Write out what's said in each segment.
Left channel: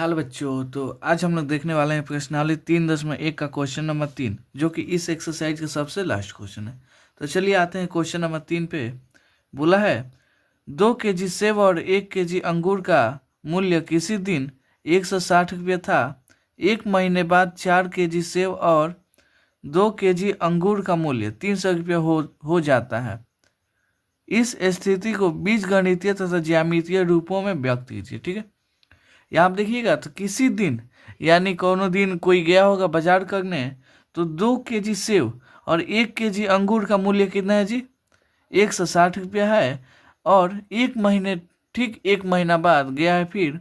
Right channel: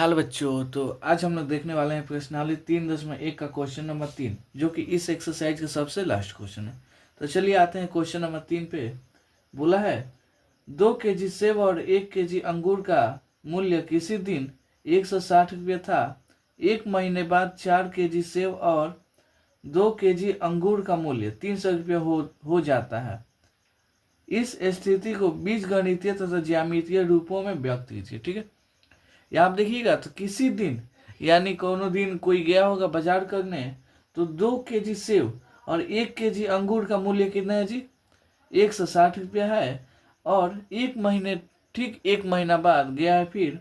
हाल बच्चों, तो आज हम लोग देखने वाले हैं प्रश्नावली 3.1 का क्वेश्चन नंबर 3, जो कि इस एक्सरसाइज का सबसे लास्ट क्वेश्चन है। तो चलिए आते हैं क्वेश्चन नंबर 3 पे। बोला है 2 kg सेब और 1 kg अंगूर का मूल्य किसी दिन 160 रुपये था। एक महीने बाद 4 kg सेब और 2 kg अंगूर का मूल्य 300 रुपये हो जाता है। इस स्थिति को बीजगणितीय तथा ज्यामितीय रूपों में व्यक्त कीजिए। ठीक है, यहाँ आप देखिएगा तो किसी दिन यानी कोनो दिन कोई गया होगा बाजार करने, तो 2 kg सेब और 1 kg अंगूर का मूल्य कितना है जी? 160 रुपया है। और एक महीना बाद गया है फिर,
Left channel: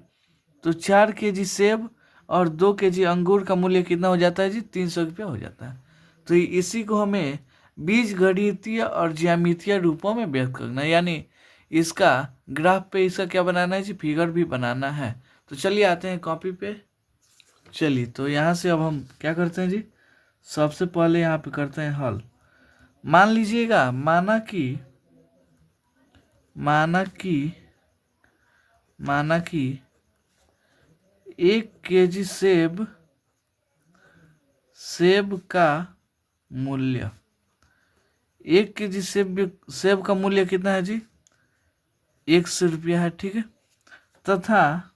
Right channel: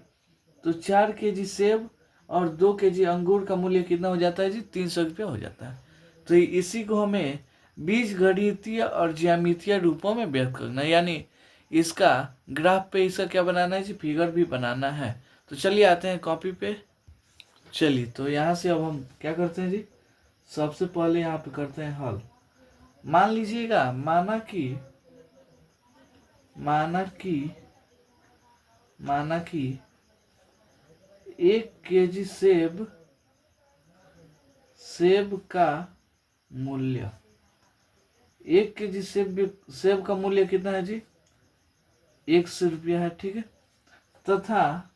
तो 4 kg सेब और 2 kg अंगूर का मूल्य कितना हो जाता है जी? 300 रुपया हो जाता है। तो इसी को हमें बीजगणितीय और ज्यामितीय रूपों में व्यक्त करना है, यानी इसका ग्राफ पे इसका क्या बनाना है जी? फिगर भी बनाना है। तो चलिए आते हैं कॉपी पे। चलिए तो यहाँ से अब हम क्या करते हैं जी? सबसे पहले यहाँ पे करते हैं हल। मान लीजिएगा माना कि 1 kg सेब का मूल्य 1 kg सेब का मूल्य कितना है जी? 100 रुपया है। ठीक है, तथा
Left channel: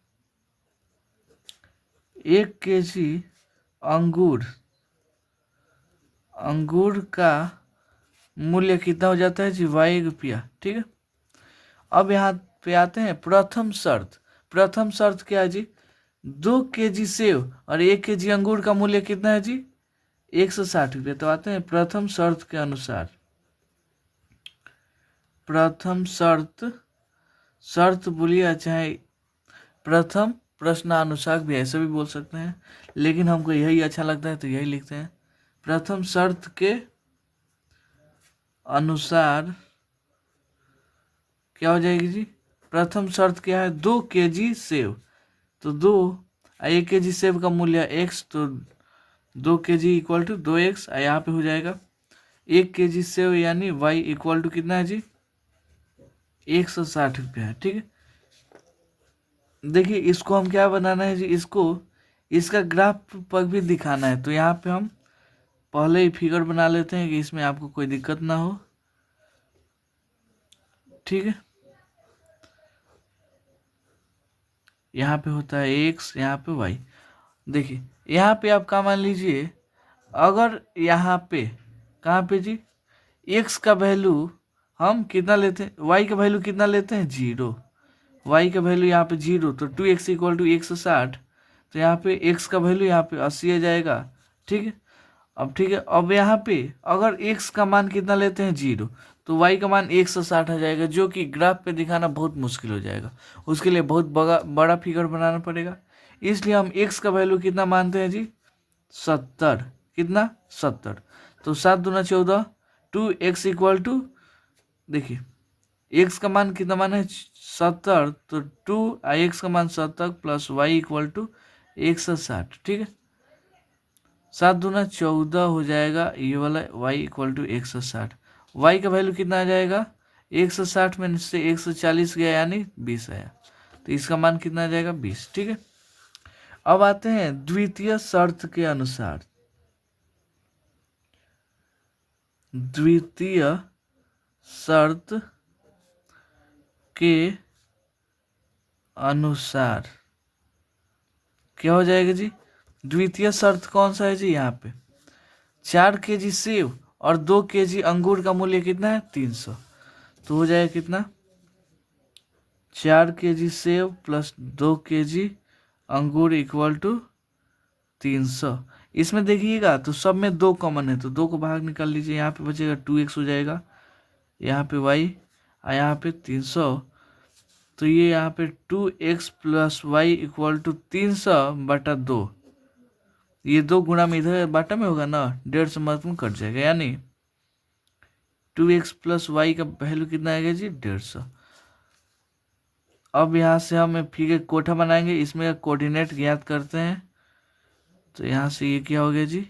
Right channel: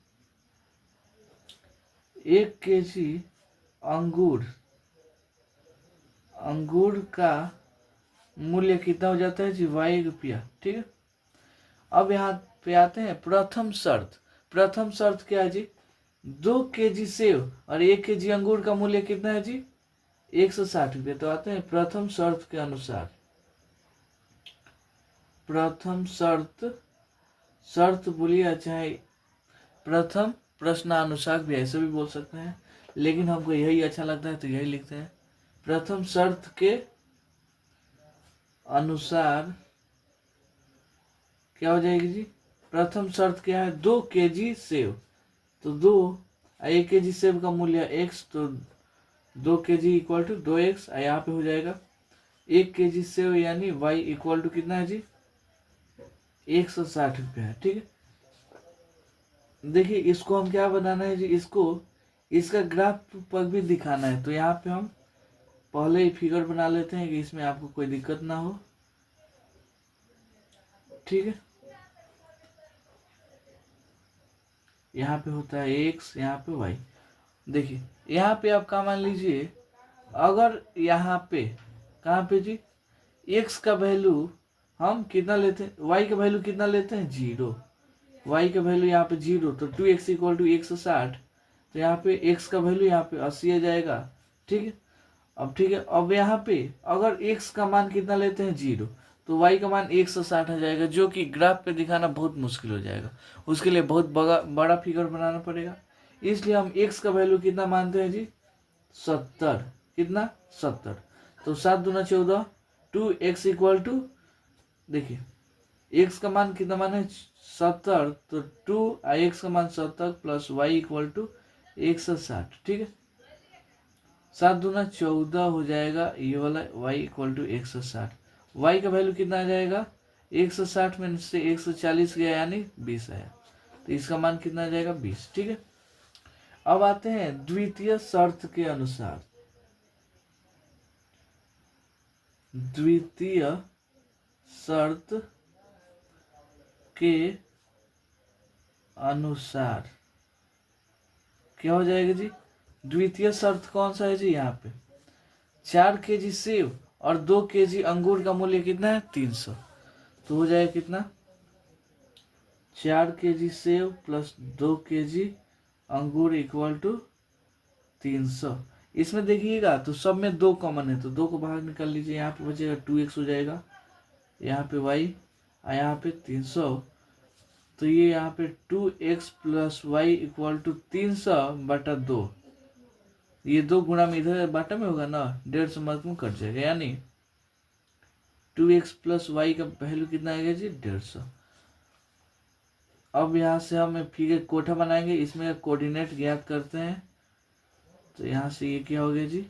1 kg अंगूर का मूल्य कितना हो जाता है जी? 22 रुपया। ठीक है, अब यहाँ पे आते हैं प्रथम शर्त। प्रथम शर्त क्या है जी? 2 kg सेब और 1 kg अंगूर का मूल्य कितना है जी? 160 रुपये। तो आते हैं प्रथम शर्त के अनुसार। प्रथम शर्त बोलिए, चाहे प्रथम प्रश्नानुसार भी ऐसे भी बोल सकते हैं, लेकिन हमको यही अच्छा लगता है तो यही लिखते हैं। प्रथम शर्त के अनुसार क्या हो जाएगी जी? प्रथम शर्त क्या है? 2 kg सेब, तो 1 kg सेब का मूल्य x, तो 2 kg इक्वल टू 2x यहाँ पे हो जाएगा। 1 kg सेब यानी y इक्वल टू कितना है जी? 160 रुपया है। ठीक है, देखिए इसको हम क्या बनाना है जी? इसका ग्राफ पर भी दिखाना है। तो यहाँ पे हम पहले ही फिगर बना लेते हैं कि इसमें आपको कोई दिक्कत ना हो। ठीक है, यहाँ पे होता है x, यहाँ पे y। देखिए यहाँ पे आप क्या मान लीजिए, अगर यहाँ पे कहाँ पे जी? x का वैल्यू हम कितना लेते हैं? y का वैल्यू कितना लेते हैं? 0। y का वैल्यू यहाँ पे 0, तो 2x इक्वल टू 160। तो यहाँ पे x का वैल्यू यहाँ पे 80 आ जाएगा। ठीक है, ठीक है, अब यहाँ पे अगर x का मान कितना लेते हैं? 0, तो y का मान 160 आ जाएगा, जो कि ग्राफ पे दिखाना बहुत मुश्किल हो जाएगा। उसके लिए बहुत बड़ा फिगर बनाना पड़ेगा। इसलिए हम x का वैल्यू कितना मानते हैं जी? 70। कितना? 70। तो 7 दूना 14, 2x इक्वल टू, देखिए x का मान कितना मान है? 70, तो 2x का मान 70 प्लस y इक्वल टू 160। ठीक है, 7 दूना 14 हो जाएगा ये वाला, y इक्वल टू 160। y का वैल्यू कितना आ जाएगा? 160 में से 140 गया यानी 20 आया, तो इसका मान कितना आ जाएगा? 20। ठीक है, अब आते हैं द्वितीय शर्त के अनुसार। द्वितीय शर्त के अनुसार क्या हो जाएगा जी? द्वितीय शर्त कौन सा है जी? यहाँ पे 4 kg सेब और 2 kg अंगूर का मूल्य कितना है? 300। तो हो जाएगा कितना? 4 kg सेब प्लस 2 kg अंगूर इक्वल टू 300। इसमें देखिएगा तो सब में 2 कॉमन है, तो 2 को बाहर निकाल लीजिए। यहाँ पे बचेगा 2x हो जाएगा, यहाँ पे y और यहाँ पे 300। तो ये यहाँ पे 2x plus y equal to 300/2। ये 2 गुणा में इधर बाटा में होगा ना, 150 महत्वपूर्ण कट जाएगा, यानी 2x प्लस वाई का वैल्यू कितना आएगा जी? 150। अब यहाँ से हम फिर एक कोठा बनाएंगे, इसमें कोऑर्डिनेट ज्ञात करते हैं। तो यहाँ से ये क्या हो गया जी?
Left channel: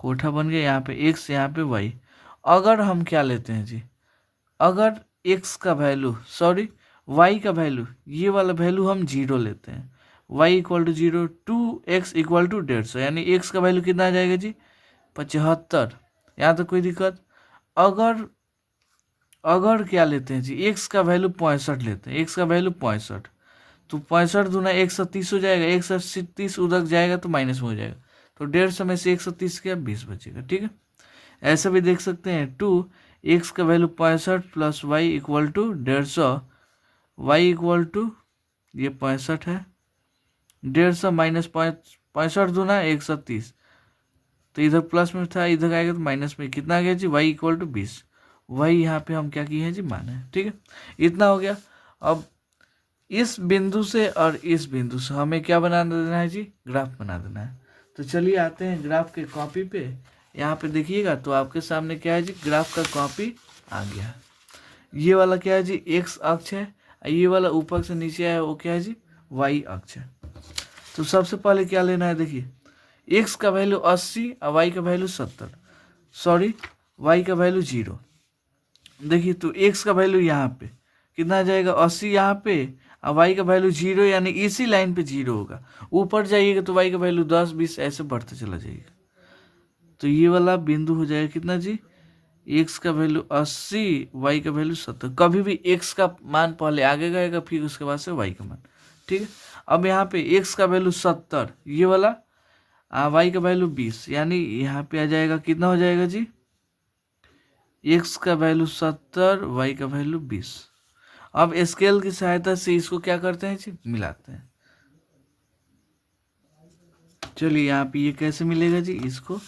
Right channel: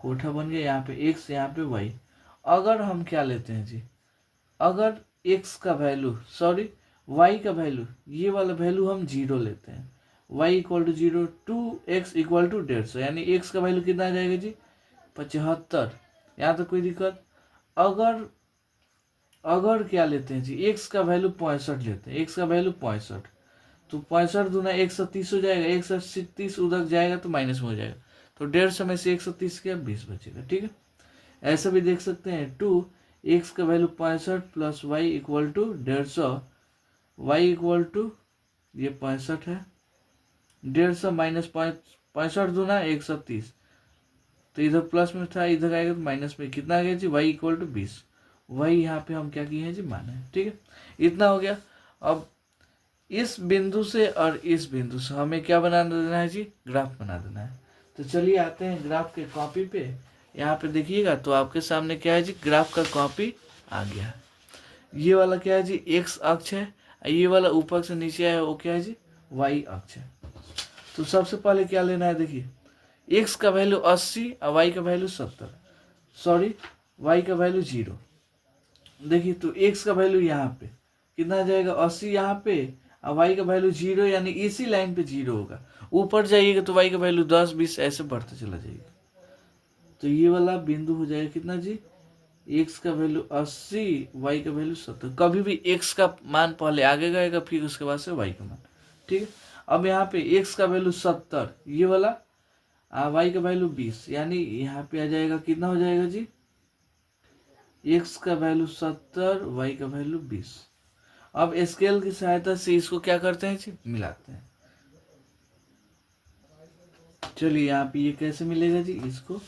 कोठा बन गया, यहाँ पे x, यहाँ पे y। अगर हम क्या लेते हैं जी, अगर x का वैल्यू y का वैल्यू, ये वाला वैल्यू हम 0 लेते हैं, y equal to 0, 2x equal to 150, यानी x का वैल्यू कितना आ जाएगा जी 75। यहाँ तक कोई दिक्कत? अगर अगर क्या लेते हैं जी, x का वैल्यू 65 लेते हैं, x का वैल्यू 65, तो 65 दूना 130 हो जाएगा, 130 उधर जाएगा तो माइनस में हो जाएगा, तो 150 में से 130 क्या 20 बचेगा। ठीक है, ऐसा भी देख सकते हैं, 2x का value 65 plus y equal to 150, y equal to ये 65 है, 150 माइनस 65 दूना 130, तो इधर प्लस में था, इधर आएगा तो माइनस में, कितना आ गया जी वाई इक्वल टू 20, वही यहाँ पे हम क्या किए हैं जी माने हैं। ठीक है, इतना हो गया। अब इस बिंदु से और इस बिंदु से हमें क्या बना देना है जी, ग्राफ बना देना है। तो चलिए आते हैं ग्राफ के कॉपी पे। यहाँ पे देखिएगा तो आपके सामने क्या है जी, ग्राफ का कॉपी आ गया है। ये वाला क्या है जी एक्स अक्ष है, ये वाला ऊपर से नीचे आया वो क्या है जी वाई अक्ष है। तो सबसे पहले क्या लेना है, देखिए एक्स का वैल्यू 80 और वाई का वैल्यू 70, वाई का वैल्यू 0। देखिए तो एक्स का वैल्यू यहाँ पे कितना आ जाएगा 80 यहाँ पे, और वाई का वैल्यू 0, यानी इसी लाइन पे 0 होगा। ऊपर जाइएगा तो वाई का वैल्यू 10 20 ऐसे बढ़ते चला जाएगा। तो ये वाला बिंदु हो जाएगा कितना जी, एक्स का वैल्यू 80, वाई का वैल्यू 70। कभी भी एक्स का मान पहले आगे गएगा, फिर उसके बाद से वाई का मान। ठीक है, अब यहाँ पे एक्स का वैल्यू 70 ये वाला, वाई का वैल्यू 20, यानी यहाँ पे आ जाएगा कितना हो जाएगा जी, एक्स का वैल्यू 70, वाई का वैल्यू 20। अब स्केल की सहायता से इसको क्या करते हैं जी, मिलाते हैं। चलिए यहाँ पे ये कैसे मिलेगा जी, इसको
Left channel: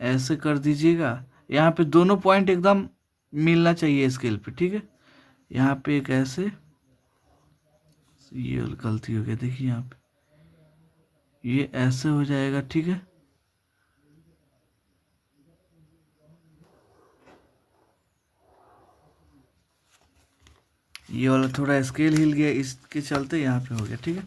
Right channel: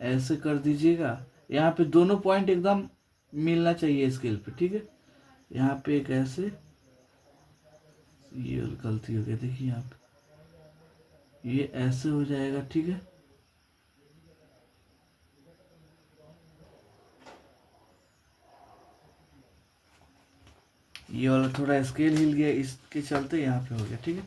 ऐसे कर दीजिएगा, यहाँ पे दोनों पॉइंट एकदम मिलना चाहिए स्केल पे। ठीक है, यहाँ पे एक ऐसे, ये गलती हो गया, देखिए यहाँ पे ये ऐसे हो जाएगा। ठीक है, ये वाला थोड़ा स्केल हिल गया, इसके चलते यहाँ पे हो गया। ठीक है,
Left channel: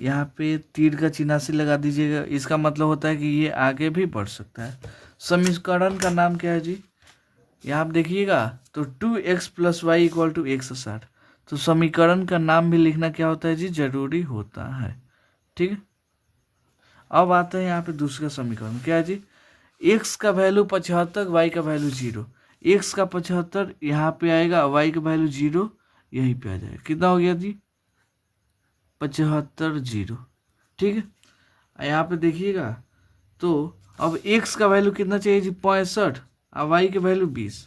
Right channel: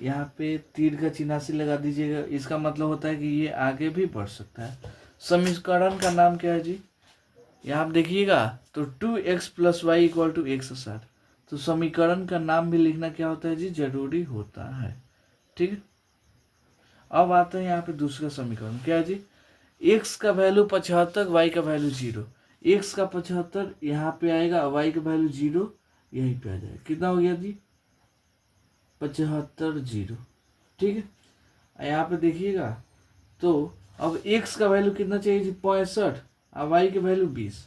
यहाँ पे तीर का चिन्ह से लगा दीजिएगा, इसका मतलब होता है कि ये आगे भी बढ़ सकता है। समीकरण का नाम क्या है जी, यहाँ आप देखिएगा तो 2x plus y equal to 160। तो समीकरण का नाम भी लिखना क्या होता है जी, जरूरी होता है। ठीक है, अब आते हैं यहाँ पे दूसरा समीकरण, क्या है जी, x का वैल्यू 75, वाई का वैल्यू 0। x का 75 यहाँ पे आएगा, वाई का वैल्यू 0 यहीं पे आ जाएगा, कितना हो गया जी 75 0। ठीक है, यहाँ पे देखिएगा तो अब x का वैल्यू कितना चाहिए जी 65, और वाई का वैल्यू 20।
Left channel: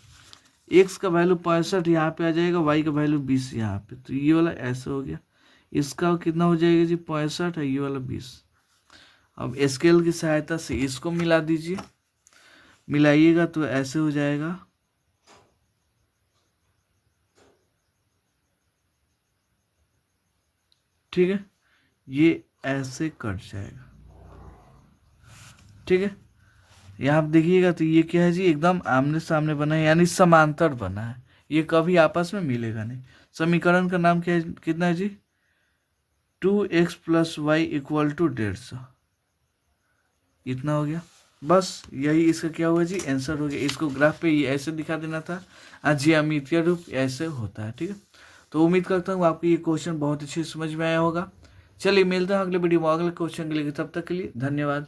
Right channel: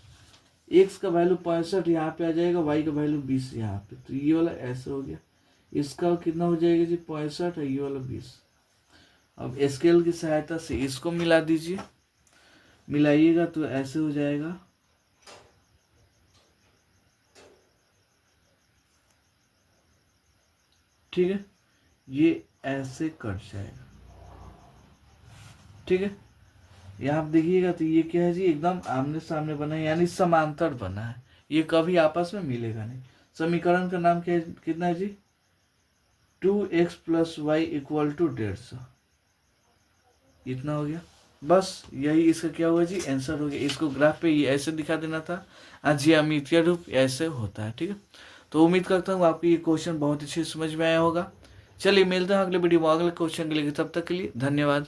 x का वैल्यू 65 यहाँ पे आ जाएगा, वाई का वैल्यू 20 यहाँ पे, तो ये वाला ऐसे हो गया, इसका कितना हो जाएगा जी 65 है, ये वाला 20। अब स्केल की सहायता से इसको मिला दीजिए, मिलाइएगा तो ऐसे हो जाएगा। ठीक है, ये ऐसे कट जाएगा। ठीक है, यहाँ आप देखिएगा तो ये क्या है जी, एकदम आमने सामने बना है, यानी समांतर बना है, ये कभी आपस में मिलेगा नहीं। समीकरण का नाम क्या है, कितना है जी 2x plus y equal to 150। इतना हो गया, बस यही इसका क्या हुआ जी आंसर हो गया। इसको ग्राफ पे ऐसे दिखा देना था, ज्यामितीय रूप ऐसे होता है। ठीक है, तो उम्मीद करता हूँ आपको ये क्वेश्चन बहुत अच्छे समझ में आया होगा। चलिए मिलते हैं अगले वीडियो में अगले क्वेश्चन के लिए, तब तक के लिए धन्यवाद।